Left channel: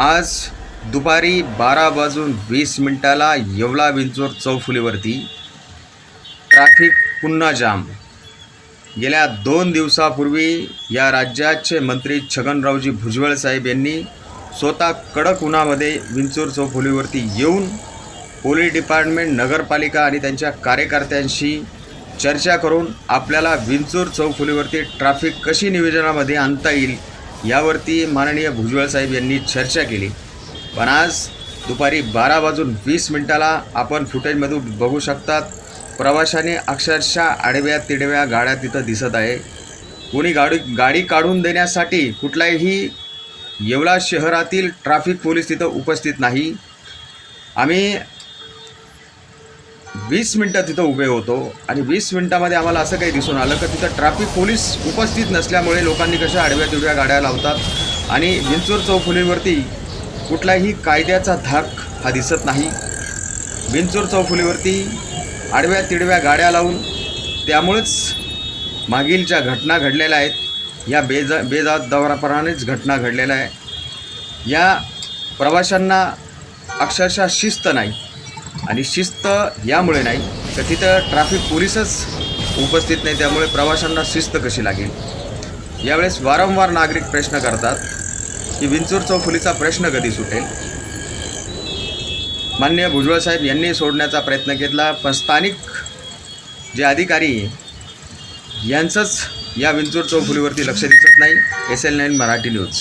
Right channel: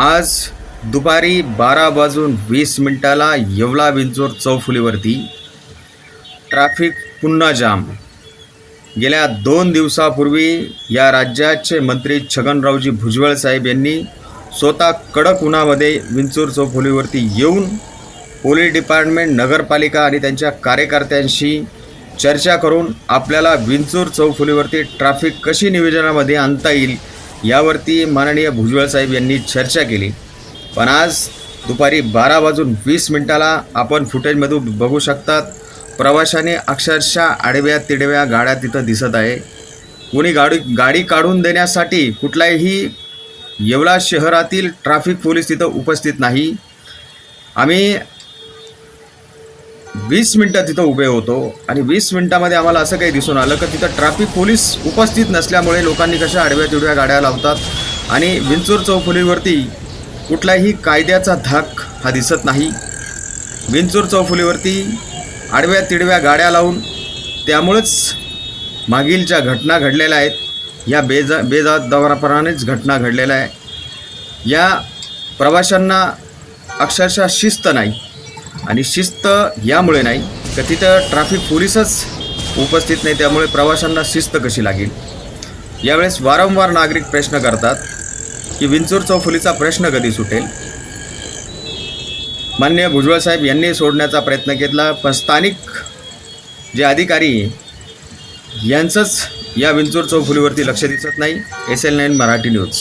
आज दुपारी बारा वाजून वीस मिनिटाला येवला विंचोर चौफुलीवरती ट्रॅफिक पुन्हा जाम. गेल्या दोन दिवसापूर्वी या राज्याचे मंत्री छगनरावजी भुजबळ साहेब यांनी स्वतः कडक उन्हामध्ये विंचूर चौफुलीवरती येऊन पोलीस डिपार्टमेंट नगरपालिका आणि त्यांच्या कार्यकर्त्यांशी चर्चा करून आपल्याला विंचूर चौफुलीवरती ट्रॅफिक कशी नियोजनामध्ये आणता येईल यावरती माननीय भुजबळ साहेब यांनी चर्चा केली. पण आज दुपारी बारा वाजून वीस मिनिटाला आपण फुटेजमधून बघू शकतात प्रवाशाने अक्षरशः आडव्या तिडव्या गाड्या तिथं दिसत आहे. कोणी गाडी गाडी काढून देण्यासाठी कुठलाही येवला शहरातील ट्रॅफिक पोलीस तिथं उपस्थित नाही. आम्ही वीस मिनटं तिथं उभे होतो आणि वीस मिनटामध्ये आम्हाला असं काही दिसून आलं की तिथं ट्रॅफिक पोलीस उपस्थित नसल्यामुळे लोकांनी कशा आडव्या तिडव्या गाड्या लावतात आणि विंचूर चौफुलीवरती कुठलाही कायद्याचा धाक हा दिसत नाही. विंचूर चौफुलीवरती आडव्या तिडव्या गाड्या लावून त्यामुळंच मागील ज्या घटना घडलेल्या आहेत. या बेजा बेजादपणानेच घटना घडलेल्या आहे. या प्रवाशांना अक्षरशः शिस्त नाही. आणि शिस्त यामुळे नाही तर तिथं ट्रॅफिक पोलीसच उपस्थित नाही त्यामुळे प्रवाशांना शिस्त कशी लागेल? यावेळेस वारंवार नागरिक प्रश्न करतात की विंचूर चौफुलीचा प्रश्न कधी सुटेल? मान्य भुजबळ साहेब यांनी सोडण्याचा प्रयत्न घेतला पण स्थानिक जे अधिकारी यांचंच या विंचूर चौफुलीवरती लक्ष दिसत नाही. S L nine Marathi news.